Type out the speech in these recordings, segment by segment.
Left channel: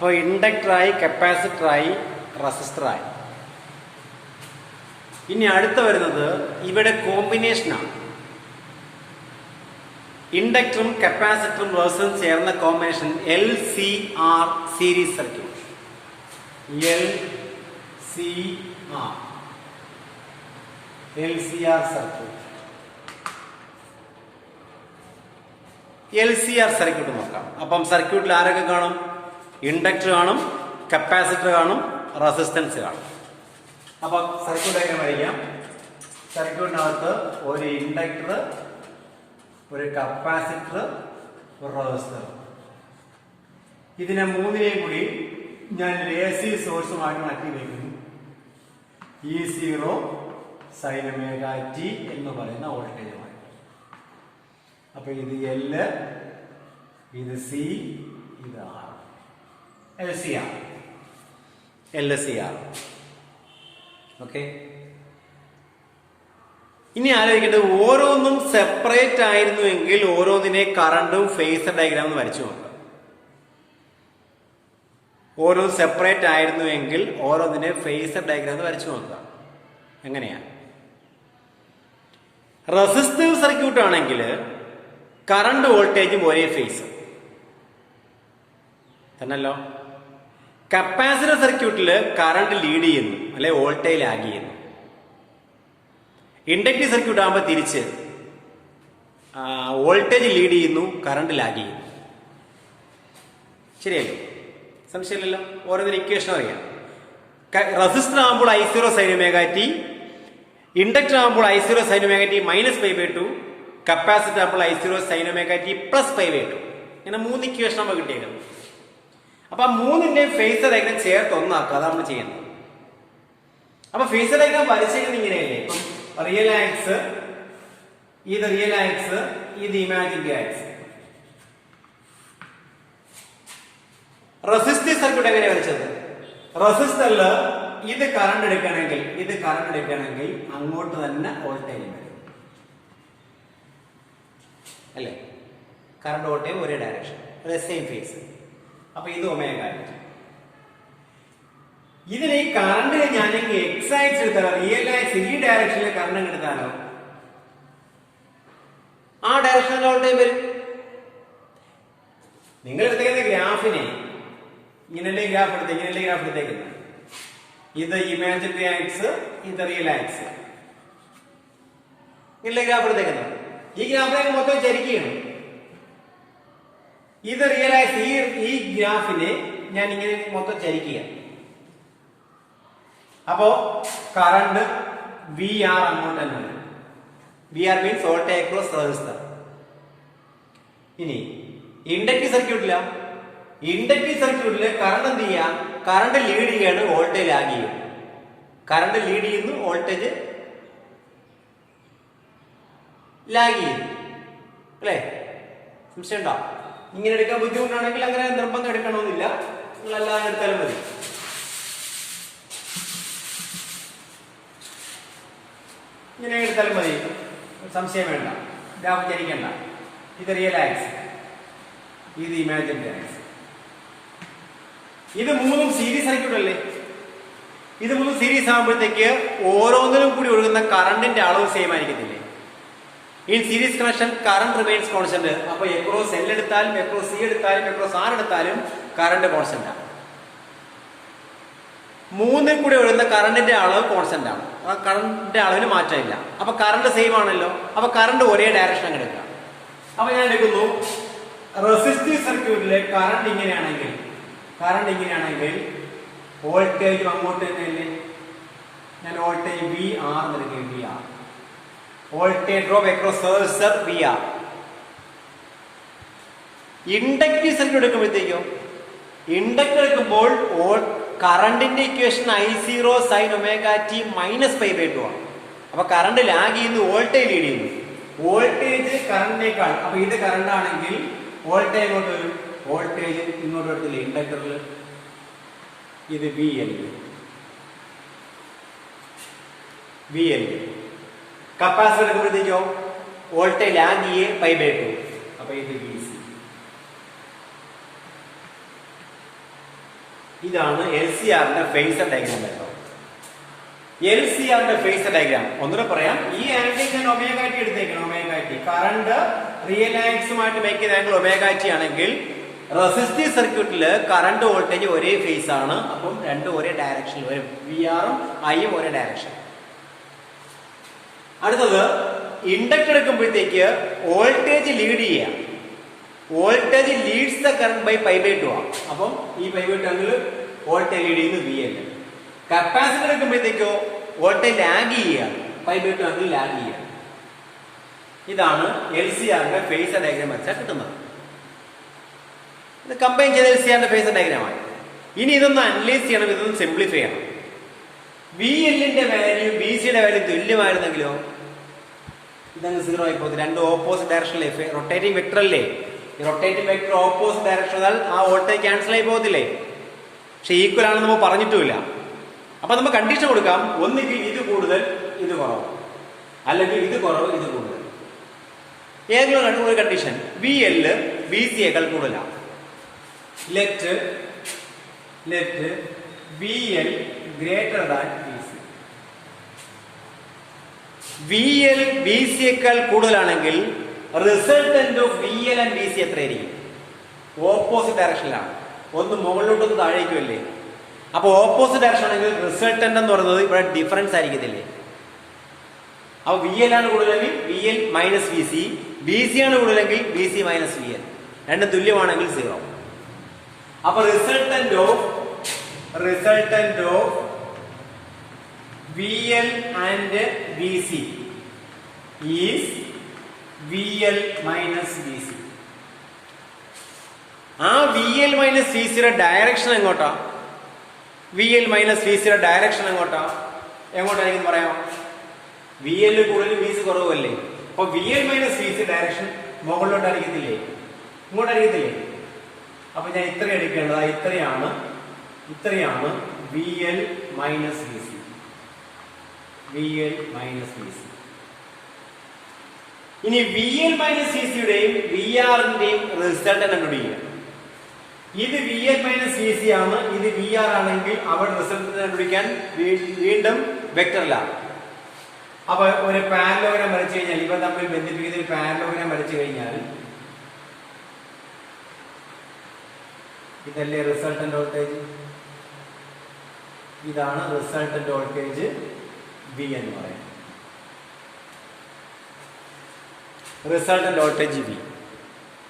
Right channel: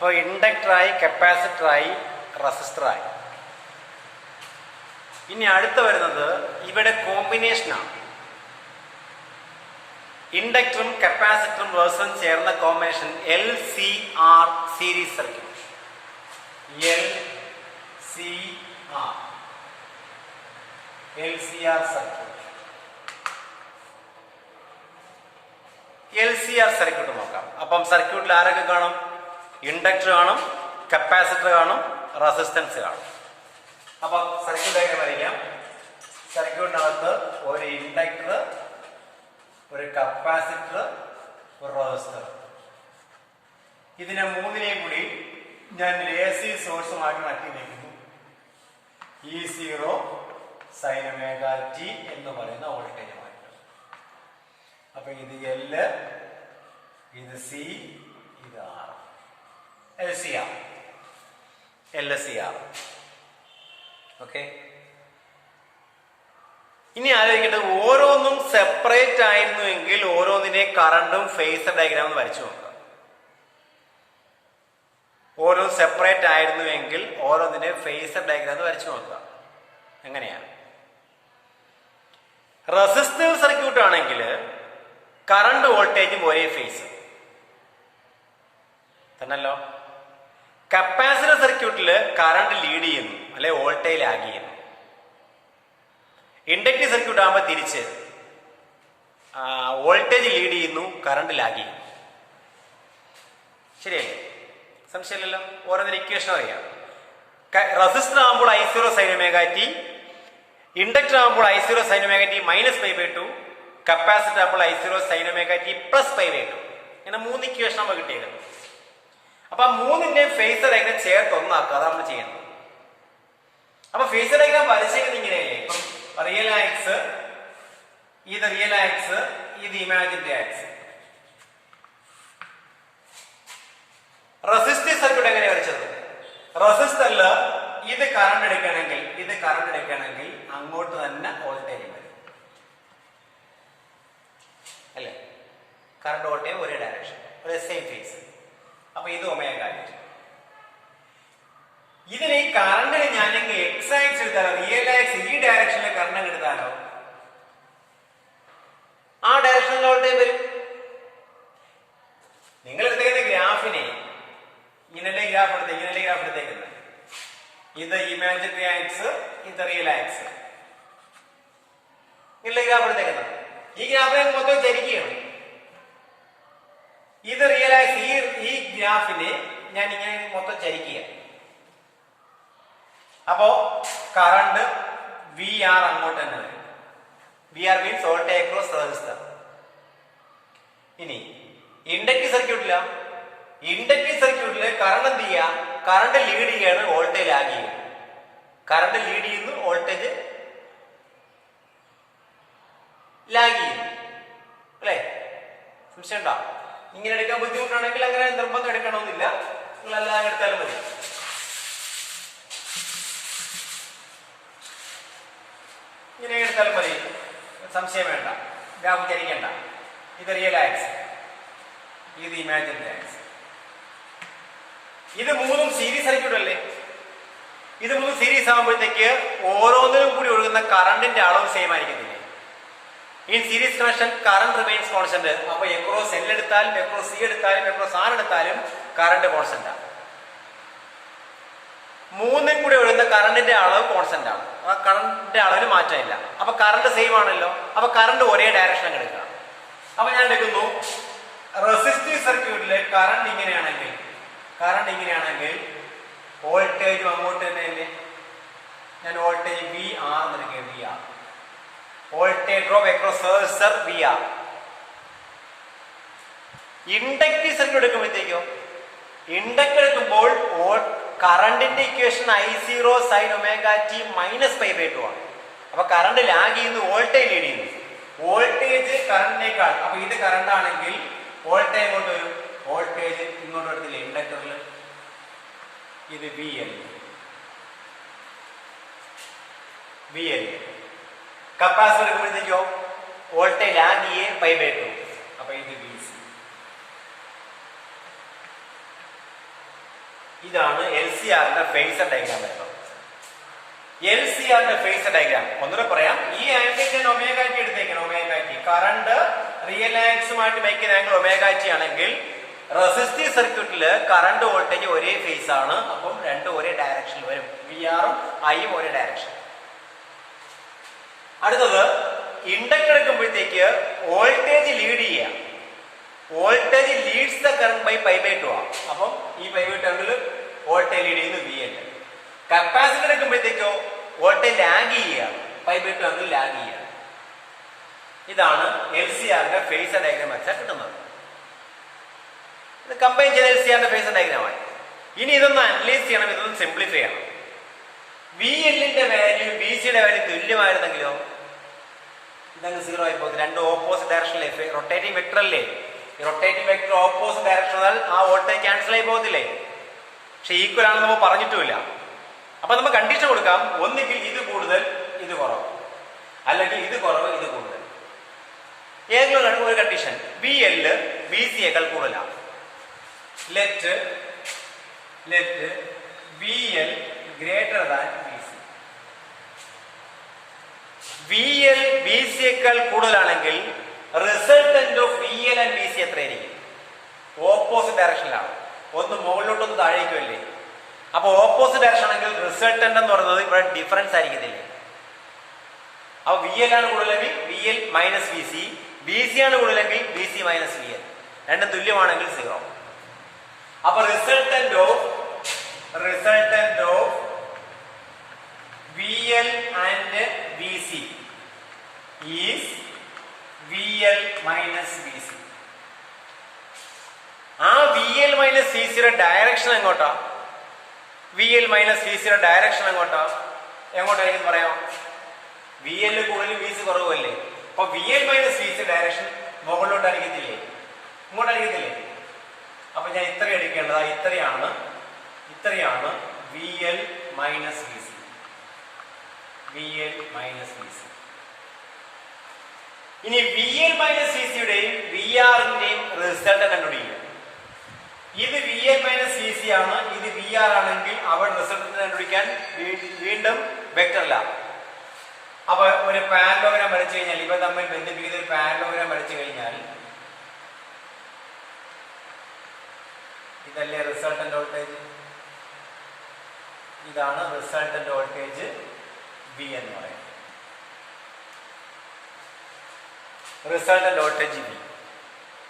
അപ്പോൾ ഇൻഡക്ടറായി, കപ്പാസിറ്ററായി, റെസിസ്റ്ററായി. ഇനി അടുത്ത വരുന്നത് ഇവിടെ കോമ്പിനേഷനാണ്. ഇൻഡക്ടറും കപ്പാസിറ്ററും റെസിസ്റ്ററും ചേർന്ന combination LCR series circuit. LCR circuit. LCR circuit നോക്കാം. അപ്പം സർക്യൂട്ടിൽ ആരൊക്കെ കാണും? ഇൻഡക്ടർ കാണും, കപ്പാസിറ്റർ കാണും, റെസിസ്റ്റൻസ് കാണും. അപ്പൊ സർക്യൂട്ട് എങ്ങനെ വരയ്ക്കാം? സർക്യൂട്ടിനകത്ത് ഒരു ഇൻഡക്ടർ, ഒരു കപ്പാസിറ്റർ, ഒരു റെസിസ്റ്റർ. ഇതിനെ മൂന്നിനെയും കൂടി ഞാൻ AC സോഴ്സുമായിട്ട് മാറ്റി വയ്ക്കുന്നു. E0 sin omega t എന്ന് പറയുന്ന വോൾട്ടേജുമായിട്ട്. അപ്പൊ ഇത് L, ഇത് C, ഇത് R. LCR. ഓക്കെ. ഇനി ആലോചിക്കേണ്ടത്, ഓരോന്നും സെപ്പറേറ്റ് ആയിരുന്നുവെങ്കിൽ ഓരോന്നിനെ കറണ്ടും ഫേസർ ഡയഗ്രാമും വരച്ചു നോക്കാം. ഓരോ സെപ്പറേറ്റ് ആയിരുന്നുവെങ്കിൽ ഓരോന്നിനെ ഫേസർ ഡയഗ്രാം വരച്ചു നോക്കുക. എങ്ങനെയാണ്? റെസിസ്റ്റീവ് സർക്യൂട്ട് ആണെങ്കിൽ കറണ്ട് വോൾട്ടേജും ഒരേ ഫേസ് തന്നല്ലോ. കപ്പാസിറ്റർ സർക്യൂട്ടിൽ കറണ്ട് ലീഡ് ചെയ്യുന്നു, അല്ലെ വോൾട്ടേജ് ലാഗ് ചെയ്യുന്നു. ഇൻഡക്റ്റീവ് സർക്യൂട്ട് ആകുമ്പോൾ തിരിച്ച് വോൾട്ടേജ് ലീഡ് ചെയ്യുന്നു, കറണ്ട് ലാഗ് ചെയ്യുന്നു. ശരിയല്ലേ? സംശയമില്ലല്ലോ. ഓരോന്നിന് ഇക്വേഷൻ അറിയാം. റെസിസ്റ്റർ ആകുമ്പോൾ I0 sin omega t, inductor ആകുമ്പോൾ I0 sin omega t -π/2, capacitor ആകുമ്പോൾ I0 sin omega t +π/2. ഇങ്ങനെ 3 ഇക്വേഷൻ നമ്മൾ കിട്ടിയത്. അപ്പൊ ആ മൂന്നിന്റെ ഫേസർ ഡയഗ്രാം ചേർത്ത് ഒന്നാക്കുക. അതാണ് നമ്മൾ ചെയ്യുന്നത്. അപ്പൊ ഫേസർ ഡയഗ്രാം വരച്ചിരിക്കുന്നത് ഇങ്ങനെയല്ലേ? ഇപ്പം റിയൽ ആക്സ്, ഇത് റിയൽ ആക്സ്, ഇത് ഇമാജിനറി ആക്സ്. റെസിസ്റ്റീവ് സർക്യൂട്ട് എങ്ങനെ വരച്ചത്? റെസിസ്റ്ററിൽ ഇത് കറണ്ട് എടുക്കുകയാണെങ്കിൽ അങ്ങോട്ട് തന്നെ വോൾട്ടേജ് വരും, അല്ലെ? കറണ്ട് വോൾട്ടേജ് ഒരേ ഡയറക്ഷൻ, ഒരേ സെയിം ഫേസ്. അപ്പൊ ഇത് ഒമേഗ t. ഇതിന് ഈ കറണ്ടിന് ഞാനെങ്കിൽ എക്സ് ആക്സ് എടുത്താലോ, റിയൽ ആക്സ് ഈ ഡയറക്ഷനിലെ കറണ്ട് എടുത്താലോ ആ ഡയറക്ഷനിൽ വോൾട്ടേജ് വരും. നിങ്ങൾ എടുത്തേക്കുന്ന ഗ്രാഫിനെ ഇങ്ങനെയല്ലേ ഗ്രാഫ് എടുത്തേക്കുന്നത്. ഇത് ഇമാജിനറി ആക്സ്, ഇത് റിയൽ ആക്സ്. ഇങ്ങനല്ലേ ഗ്രാഫ് എടുത്തേക്കുന്നത്. ഈ ഗ്രാഫിനെ മൊത്തം ചരിക്കുകയാണ്. ഇത് റിയൽ ആക്സ്, ഈ ഗ്രാഫിനെ ഞാൻ ഇങ്ങനെ മൊത്തം ചരിക്കുക. അപ്പോ കറണ്ട് VR അങ്ങോട്ട് തന്നെ വരും. VR means voltage across resistor. ഇനി ഇൻഡക്റ്റീവ് സർക്യൂട്ടില് കറണ്ട് എന്ത് ചെയ്യുക? കറണ്ട് ലീഡ് ചെയ്യാണ്, വോൾട്ടേജ് ലാഗ് ചെയ്യും. കറണ്ട് ലീഡ് ചെയ്യുന്നു, വോൾട്ടേജ് ലാഗ് ചെയ്യുന്നു, അല്ലെ? സംശയം ഉണ്ടോ? ഇങ്ങനെ എടുക്കാൻ ബുദ്ധിമുട്ടാണെങ്കിൽ അങ്ങനെ നിർബന്ധം എടുക്കണമെന്നില്ല, നിങ്ങൾ അല്ലാതെ എടുത്താലും മതി. ഇങ്ങനെ എടുത്താലും മതി, സംശയം വേണ്ട, വ്യാപിക്കരിക്കണ്ട. ഇത് റിയൽ ആക്സ്, ഇത് ഇമാജിനറി ആക്സ്. ഇത് മൂന്നും സീരീസ് സർക്യൂട്ട് അല്ലേ? ഇത് മൂന്നും സീരീസ് ആകുമ്പോഴത്തേക്ക് ഓരോന്നിലും കൂടി ഒഴുകുന്ന കറണ്ടിന്റെ അളവ് സെയിം ആയിരിക്കത്തില്ലേ? In series connection current remains constant. അപ്പൊ എക്രോസ് L എടുത്താലും എക്രോസ് C എടുത്താലും എക്രോസ് R എടുത്താലും കറണ്ട് കോൺസ്റ്റന്റ് ആണ്. മൂന്നിൽ കൂടി ഒഴുകുന്ന കറണ്ടിന്റെ അളവ് കോൺസ്റ്റന്റ് ആണ്. ആ കറണ്ടിന്റെ അളവിന് മാറ്റമില്ല. അപ്പൊ കറണ്ട് സെയിം ആണല്ലോ. അപ്പൊ കറണ്ട് ഒരേ ഡയറക്ഷൻ എടുക്കുക. അപ്പൊ ഞാൻ എടുക്കുന്നു, റെസിസ്റ്റീവ് സർക്യൂട്ടിലെ കറണ്ട് ഇങ്ങനെയാണെങ്കിൽ വോൾട്ടേജും അങ്ങോട്ട് തന്നെയല്ലേ? ഞാൻ വോൾട്ടേജ് VR എടുക്കുക. VR voltage drop across resistor VR. Inductive circuit എടുക്കുമ്പോഴത്തേക്കോ, ഇൻഡക്ടർ എടുക്കുമ്പോൾ കറണ്ടിന്റെ equation I0 sin omega t -π/2 ആണ്. അപ്പൊ കറണ്ട് ലാഗ് ചെയ്യുന്നു, വോൾട്ടേജ് ലീഡ് ചെയ്യുന്നു. വോൾട്ടേജ് കറണ്ടിനേക്കാൾ, അപ്പൊ ഇത് കറണ്ട് ആണെങ്കിൽ വോൾട്ടേജ് എങ്ങോട്ട് വരും? വോൾട്ടേജ് ഇങ്ങോട്ട് വരത്തില്ല. ഇൻഡക്ടറിൽ ഇത് VL. കപ്പാസിറ്റർ എടുക്കുമ്പോഴത്തേക്കോ വോൾട്ടേജ് ലാഗ് ചെയ്യേ π/2. അപ്പൊ ഇത് VC. ഇതാണ് LCRന്റെ ഫേസർ ഡയഗ്രാം വരുന്നത്. LCRന്റെ ഫേസർ ഡയഗ്രാം ഒന്നുകൂടെ പറയാം. ഈ ആംഗിൾ ഞാൻ ഒമേഗ ടി എടുത്തേക്കണം. ഒമേഗ ടി കറണ്ട് റിയൽ ആക്സുമായിട്ട് മേക്ക് ചെയ്യുന്ന ആംഗിൾ ഒമേഗ ടി ആണെങ്കിൽ റെസിസ്റ്റീവ് സർക്യൂട്ടില് കറണ്ട് വോൾട്ടേജ് ഒരേ ഫേസ് ആണ്. അപ്പം രണ്ടും ഒരേ ഡയറക്ഷൻ വരും. വിആറും ഐയും ഒരേ ഡയറക്ഷൻ. അടുത്തത് ഇൻഡക്ടർ എടുക്കുമ്പോഴത്തേക്ക് വോൾട്ടേജ് ലീഡ് ചെയ്യാം. Voltage leads the current by pi by 2 ആണ്. അപ്പം ഈ പൈ ബൈ 2 ആണെങ്കിൽ വോൾട്ടേജ് ലീഡ് ചെയ്യുന്നത് VL. കപ്പാസിറ്റർ എടുക്കുമ്പോഴത്തേക്കോ വോൾട്ടേജ് ലാഗ് ചെയ്യുകയാണ്. പൈ ബൈ 2 ആണെങ്കിൽ ലാഗ് ചെയ്യുകയാണ്. ഇതാണ് LCRന്റെ ഫേസർ ഡയഗ്രാം വെച്ചാൽ കിട്ടുന്നത്. ഇത് കമ്പൈൻ ചെയ്ത LCRന്റെ ഫേസർ ഡയഗ്രാമാണ്. ഇനി ഇതൊന്ന് അനലൈസ് ചെയ്യണം, ഇതൊന്ന് സിംപ്ലിഫൈ ചെയ്യണം. VLന്റെ വാല്യൂ BCയുടെ വാല്യൂ തുല്യമായിരുന്നെങ്കിലോ ഇതങ്ങ് 0 ആയി പോകും. രണ്ട് ഓപ്പോസിറ്റ് ഡയറക്ഷനിലെ റൊട്ടേറ്റിംഗ് വെക്ടർ അല്ലേ? ഈ റൊട്ടേറ്റിംഗ് വെക്ടർ ഓപ്പോസിറ്റ് ഡയറക്ഷനാൽ ആ വോൾട്ടേജ് ക്യാൻസൽ ആയി പോകത്തില്ലേ? പക്ഷെ ഈക്വൽ ആണെന്ന് നമ്മൾ പറഞ്ഞിട്ടുമില്ല. അപ്പൊ നമുക്ക് കണ്ടീഷൻ കൊടുക്കാം. ഒന്നുകിൽ ഇത് കൂടുതൽ ഇത് കുറവ്, അല്ലെങ്കിൽ ഇത് കുറവ് ഇത് കൂടുതൽ. ഏതെങ്കിലും ഒരു കണ്ടീഷൻ VL BCയേക്കാൾ കൂടുതലാണ്. Let VL greater than BC. VL BCയേക്കാൾ കൂടുതലാണെങ്കിൽ resultant of VL and BC എത്രയായിരിക്കും? ഓപ്പോസിറ്റ് ഡയറക്ഷനിലാണ്. ഒന്ന് മുകളിലോട്ടൊന്ന് താഴേക്കുമല്ലേ? അപ്പൊ ഓപ്പോസിറ്റ് ഡയറക്ഷൻ ആണെങ്കിൽ റിസൾട്ടന്റ് എന്ന് പറയുന്നത് ഇവിടെ ഡിഫറൻസ് ആയിരിക്കത്തില്ലേ? അപ്പൊ VL ആണ് കൂടുതലെങ്കിൽ VL മൈനസ് BC, BC ആണ് കൂടുതലെങ്കിൽ BC മൈനസ് VL. രണ്ടും തുല്യമാണെങ്കിൽ 0. അപ്പൊ resultant of VL and BC is VL minus BC. ആ VL മൈനസ് BCയുടെ ഡയറക്ഷൻ എങ്ങോട്ടാ? VL മൈനസ് BCയുടെ ഡയറക്ഷൻ എങ്ങോട്ടായിരിക്കും പറയാം? VL കൂടുതൽ BC കുറവല്ലേ? അപ്പൊ VL മൈനസ് BC ഡയറക്ഷൻ മുകളിലോട്ട് അടിക്കത്തില്ലേ? ഇങ്ങോട്ടടിക്കത്തില്ലേ? അപ്പൊ ഞാൻ ഇത്രയും അടിക്കേണ്ടതാ. ഇത്രയാണ് VL minus BC. VL minus BC. ഇനി VL മൈനസ് BCയുടെയും VRന്റെയും റിസൾട്ട് കണ്ടുപിടിക്കുക. ഇത് VL മൈനസ് BC ആണ്, ഇത് VR ആണെങ്കിൽ അവിടെ റിസൾട്ട് കണ്ടുപിടിക്കാൻ വീണ്ടും വെക്ടറില്ല. അപ്പൊ ഒരു പാരലോഗ്രാം വരച്ചു കഴിഞ്ഞാൽ, ഇവ തമ്മിൽ ബന്ധിപ്പിക്കുന്ന ഒരു പാരലോഗ്രാം വരച്ചു കഴിഞ്ഞാൽ ഇതല്ലേ റിസൾട്ടന്റ് വോൾട്ടേജ്? ഇതാണ് റിസൾട്ടന്റ് വോൾട്ടേജ് V എന്ന് പറയുന്നത്. റിസൾട്ടന്റ് വോൾട്ടേജ് V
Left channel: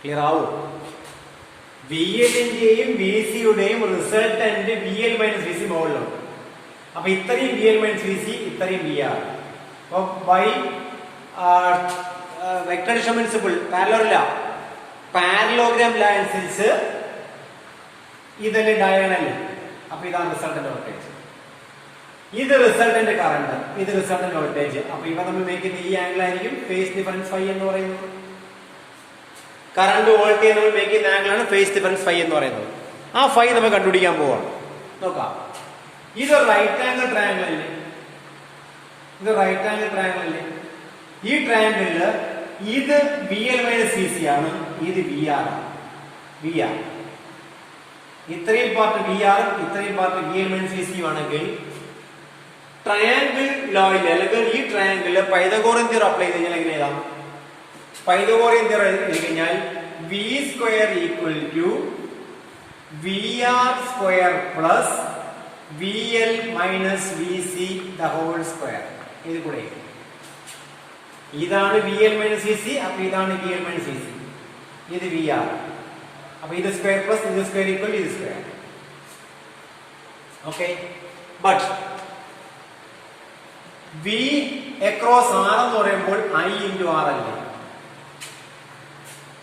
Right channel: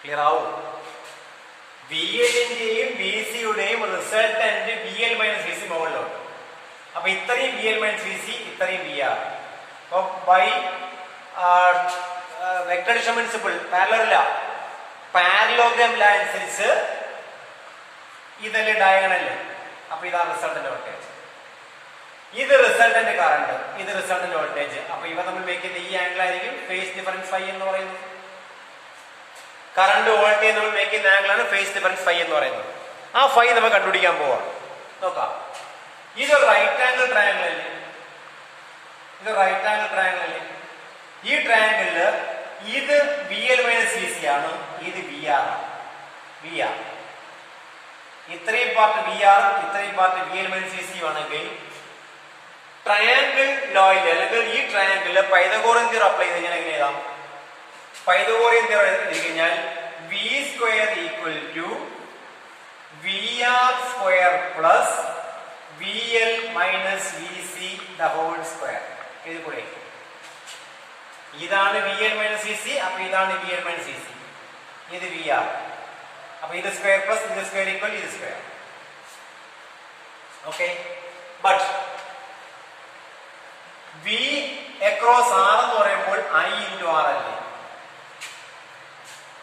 ക്ലിയർ ആവും? VLന്റെയും BCയുടെയും റിസൾട്ടന്റ് VL മൈനസ് BC മുകളിലുണ്ട്. അപ്പൊ ഇത്രയും VL മൈനസ് BC, ഇത്രയും VR. അപ്പൊ by vector addition principle, parallelogram law അനുസരിച്ച് ഇതല്ലേ ഡയഗണല്. അപ്പൊ ഇതാണ് റിസൾട്ടന്റ് വോൾട്ടേജ്. ഇത് റിസൾട്ടന്റ് കറണ്ട്, ഇത് റിസൾട്ടന്റ് വോൾട്ടേജ്. അപ്പൊ ഇവ നമ്മൾ മേക്കുന്ന ഈ ആംഗിൾ ആയിരിക്കും ഫേസ് ഡിഫറൻസ് ഫൈ എന്ന് പറയുന്നത്. കറണ്ട് വോൾട്ടേജ് നമ്മൾ മേക്കുന്ന ആംഗിൾ ആണ് ഫേസ് ഡിഫറൻസ് ഫൈ എന്ന് പറയുന്നത്. ആ ഫൈ നമ്മൾ കണ്ടുപിടിക്കാൻ പോവാം. നോക്കാം. ഇത് റൈറ്റ് ആംഗിൾ ട്രയാംഗിൾ അല്ലേ? ഈ ട്രയാംഗിളില് ഇത് VL മൈനസ് BC ആണ്, ഇത് VR ആണ്. ഇത്രയും പാർട്ട് VR, ഇത്രയും പാർട്ട് VL മൈനസ് BC ആണെങ്കിൽ ട്രയാംഗിൾ ലോയിൽ, അല്ലെങ്കിൽ ഈ ട്രയാംഗിളില് പൈതഗോറിയൻ തിയറം അപ്ലൈ ചെയ്ത് കഴിഞ്ഞാൽ എങ്ങനെ എഴുതാം? പൈതഗോറിയൻ തിയറം എഴുതി കഴിഞ്ഞാൽ V square equal to VR square plus VL minus BC the whole square. ഇത് കൂടെ ഇതാണ് VL മൈനസ് BC. അപ്പൊ ഇതാണ് VL മൈനസ് BC, ഇത് VR. അപ്പൊ ഇത് സ്ക്വയർ പ്ലസ് ഇത് സ്ക്വയർ ഈക്വൽ ഇത് square. Okay. But V across R എന്ന് പറയുമ്പോൾ I ഇൻറ്റു R അല്ലേ?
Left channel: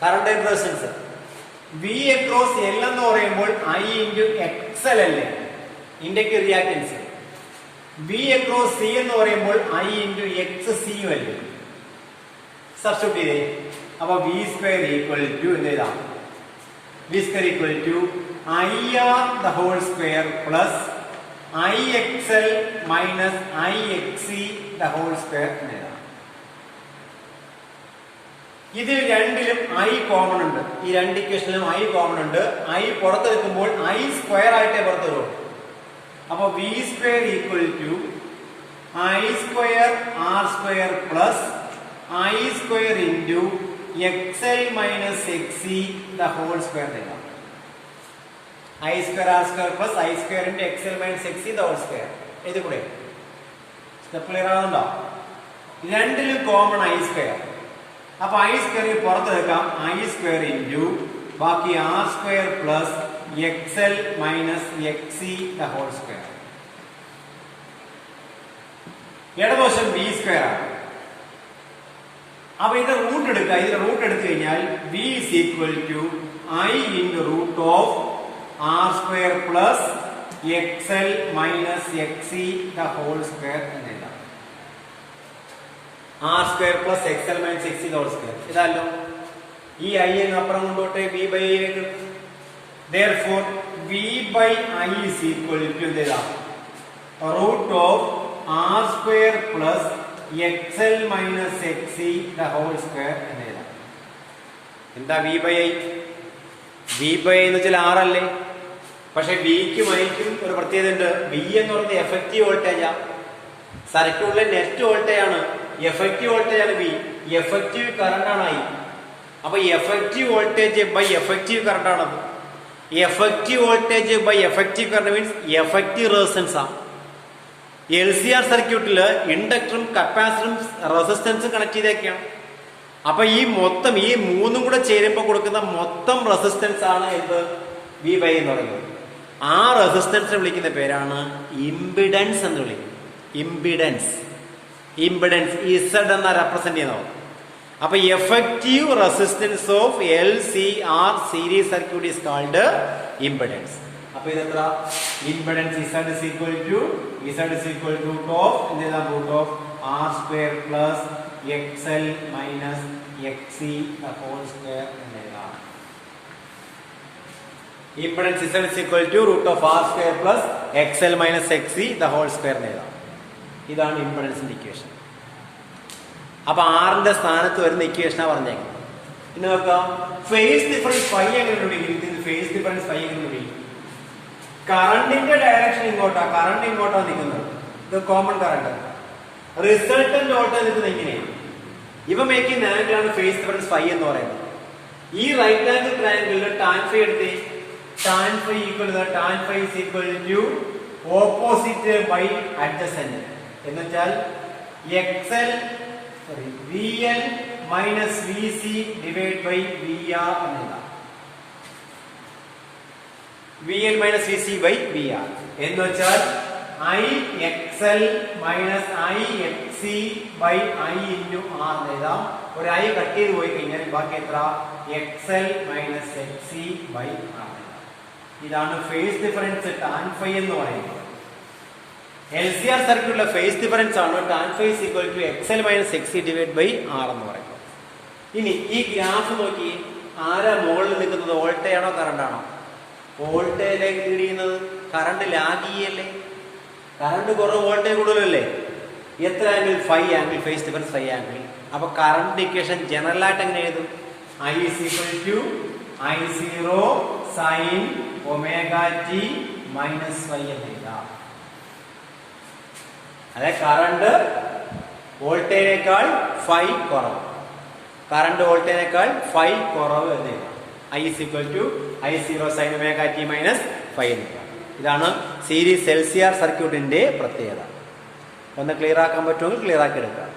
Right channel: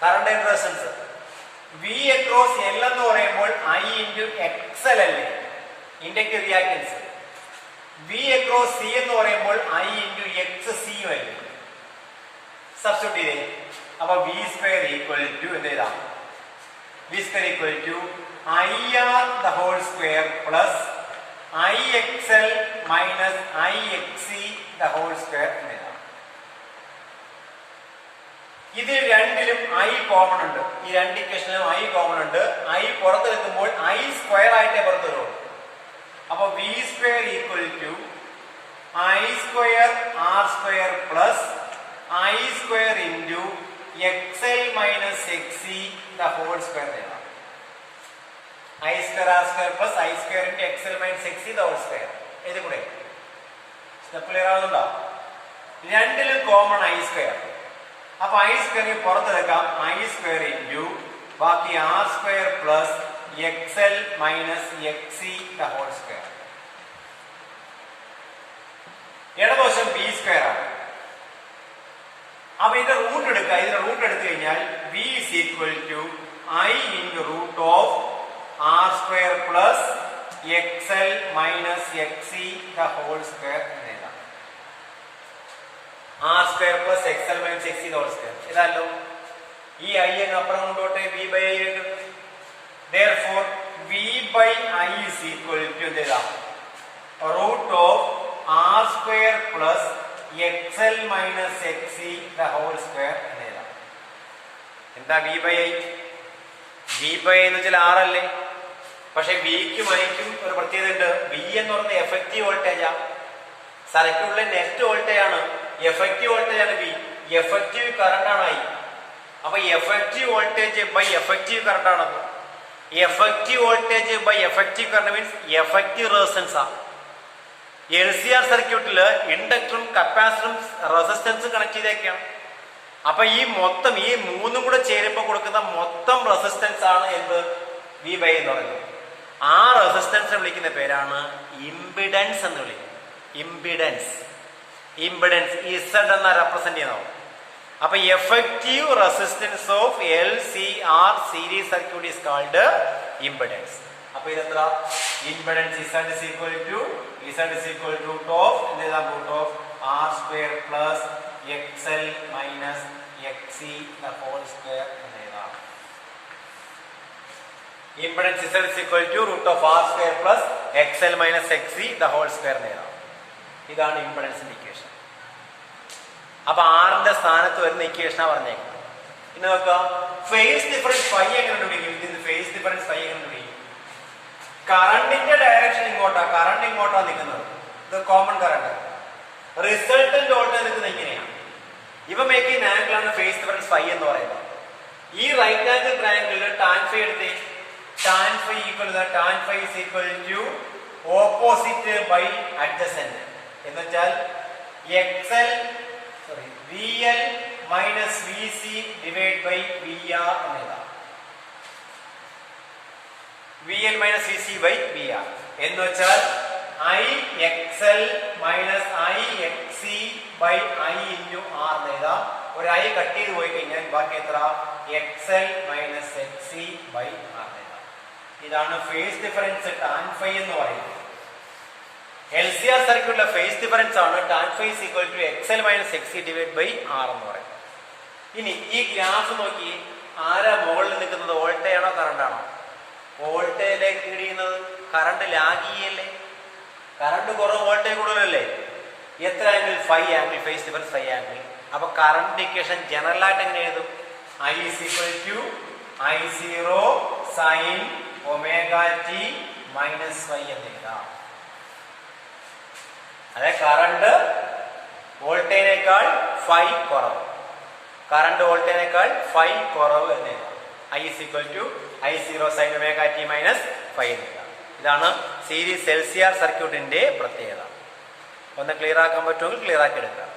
Current resistance. V across L എന്ന് പറയുമ്പോൾ I ഇൻറ്റു XL അല്ലേ? Inductive reactance. V across C എന്ന് പറയുമ്പോൾ I ഇൻറ്റു XC അല്ലേ? സബ്സ്റ്റിറ്റ്യൂട്ട് ചെയ്തേ. അപ്പൊ V സ്ക്വയർ ഈക്വൽ ടു എന്ന് എഴുതാം. V square equal to IR the whole square plus IXL minus IXC the whole square എന്ന് എഴുതാം. ഇത് രണ്ടിലും ഐ കോമൺ ഉണ്ട്. ഈ രണ്ട് ഇക്വേഷനിലും ഐ കോമൺ ഉണ്ട്. ഐ പുറത്തെടുക്കുമ്പോൾ ഐ സ്ക്വയർ ആയിട്ടേ പുറത്തു വരും. അപ്പൊ V square equal to I square R square plus I square into X L minus X C the whole square എഴുതാം. I square R square plus I square into X L minus X C the whole square. ഇത് കൂടെ step clear ആവുന്നുണ്ടോ? രണ്ടിലും common I square. അപ്പൊ I square പുറത്തെടുക്കാം. I square into ബാക്കി R square plus X L minus X C the whole square. ഇടതുവശം B square ആണ്. അപ്പൊ ഇത് റൂട്ട് എടുക്കുക. ഇതിന്റെ റൂട്ട് എടുത്തു കഴിഞ്ഞാൽ V is equal to I into root of R square plus X L minus X C the whole square എന്ന് എഴുതാം. R square plus X L minus X C the whole square ഇതല്ലോ. ഈ I എന്ന് അപ്പുറം കൊണ്ടോട്ടെ. V by I ആയിട്ടുണ്ട്. Therefore, v by I is equal to root of r square plus xl minus xc the whole square. എന്താ v by I? v by I എന്ന് വെച്ചാൽ r അല്ലേ? പക്ഷെ വിക്കും ഐക്കും ഒരു പ്രത്യേകത ഉണ്ട്. വി എന്ന് പറയുന്നത് എഫക്റ്റീവ് വോൾട്ടേജാ. സർക്യൂട്ടിലെ നെറ്റ് വോൾട്ടേജ് ആണ്. എഫക്റ്റീവ് വോൾട്ടേജ് ആണ് വി. എഫക്റ്റീവ് കറണ്ട് ആണ് ഐ. അപ്പൊ effective voltage by effective current ആണത്. Effective voltage by effective current means effective resistance ആണ്. LCR സർക്യൂട്ടില് ഇൻഡക്ടറും കപ്പാസിറ്ററും റെസിസ്റ്റൻസും കണക്ട് ചെയ്തേക്കാം. അപ്പൊ ഈ മൊത്തം ഈ മൂന്നും കൂടെ ചേരുമ്പോൾ കൊടുക്കുന്ന മൊത്തം റെസിസ്റ്റൻസ് ആണ് എന്ത്? വി ബൈ എന്ന് പറയുന്നത്. ആ റെസിസ്റ്റൻസ് വിളിക്കുന്ന പേരാണ് ഇംപിഡൻസ് എന്ന് വിളിക്കുന്നത്. ഇംപിഡൻസ് ഇസഡ് എന്ന റെപ്രസെന്റ് ചെയ്യുന്നത്. അപ്പൊ effective resistance of LCR series circuit is called impedance. അപ്പൊ ഇതെത്ര? Impedance Z is equal to root of R square plus X L minus X C the whole square എന്ന് എഴുതാം. Impedance Z is equal to root of R square plus X L minus X C the whole square എന്ന് എഴുതാം. ഇതാണ് ഇംപിഡൻസിന്റെ equation. അപ്പൊ ആറിന്റെ സ്ഥാനത്ത് വരുന്ന ഇക്വേഷനാ പറഞ്ഞേക്കുന്നത്. ഇന്ന് നോക്കാം. ഫേസ് ഡിഫറൻസ് ഫൈ എങ്ങനെ കണ്ടുപിടിക്കും? ഇതിന്റെ ഫേസ് ഡിഫറൻസ് ഫൈ എങ്ങനെ കണ്ടുപിടിക്കും? കറണ്ടിന്റെ ഡയറക്ഷൻ ഇങ്ങോട്ടാ. കറണ്ട് ഇങ്ങോട്ടാ നിൽക്കുന്നത്. ഇത് കോമൺ കറണ്ട്. റിസൾട്ടന്റ് വോൾട്ടേജ് നിൽക്കുന്നത് ഇങ്ങനെയാണ്. ഇവ മേക്കിംഗ് ആംഗിൾ ആണ് ഫേസ് ഡിഫറൻസ് ഫൈ എന്ന് പറയുന്നത്. ഈ റൈറ്റ് ആംഗിൾ ട്രയാംഗിളിൽ ടാൻ ഫൈ എടുത്ത് tan phi is equal to opposite by adjacent എന്ന് വെച്ചാൽ VL minus VC divided by VR എന്നെഴുതാം. VL minus VC by VR എന്ന് വെച്ചാൽ IXL minus IXC by I into R എന്നെഴുതാം. ഒരു I കട്ട് ചെയ്ത് പോയി കഴിഞ്ഞാൽ ബാക്കി എത്ര? XL minus XC by R എന്നെഴുതാം. ഇതാണ് ഫേസ് ഡിഫറൻസ് ടാൻ ഫൈ എന്ന് പറയുന്നത്. LCR സർക്യൂട്ടിലെ ഫേസ് ഡിഫറൻസ് ആണ് tan phi is equal to X L minus X C divide by R എന്ന് പറയുന്നത്. ഇനി ഈ ഗ്രാഫ് നോക്കി. ആരാ മുകളിൽ നിൽക്കുന്നത്? വോൾട്ടേജ് ആണോ കറണ്ട് ആണോ? വോൾട്ടേജിലേക്ക് ലീഡ് ചെയ്യുന്നത്. കറണ്ട് ലാഗ് ചെയ്യല്ലേ? കറണ്ട് കുറവ് വോൾട്ടേജ് കൂടുതലല്ലേ? എത്ര angle? 5 angle. Phase difference 5 angle. അപ്പൊ കറണ്ട് ഇക്വേഷൻ ജനറൽ ആയിട്ട് എങ്ങനെ എഴുതും? I is equal to I0 sin omega t minus phi എന്ന് എഴുതാം. അതായത് കറണ്ട് വോൾട്ടേജിനേക്കാൾ ഫൈ കുറവ്. കറണ്ട് വോൾട്ടേജിനേക്കാൾ ഫൈ കുറവ് എന്ന് എഴുതാം. I is equal to I0 sin omega t minus phi എന്ന് എഴുതാം. ഇതാണ് സീരീസ് LCR സർക്യൂട്ടിന്റെ പ്രത്യേകത. ഒന്ന് ക്ലിയർ ആക്കാൻ പറ്റുമെങ്കിൽ ക്ലിയർ ആക്കി എടുക്കാം.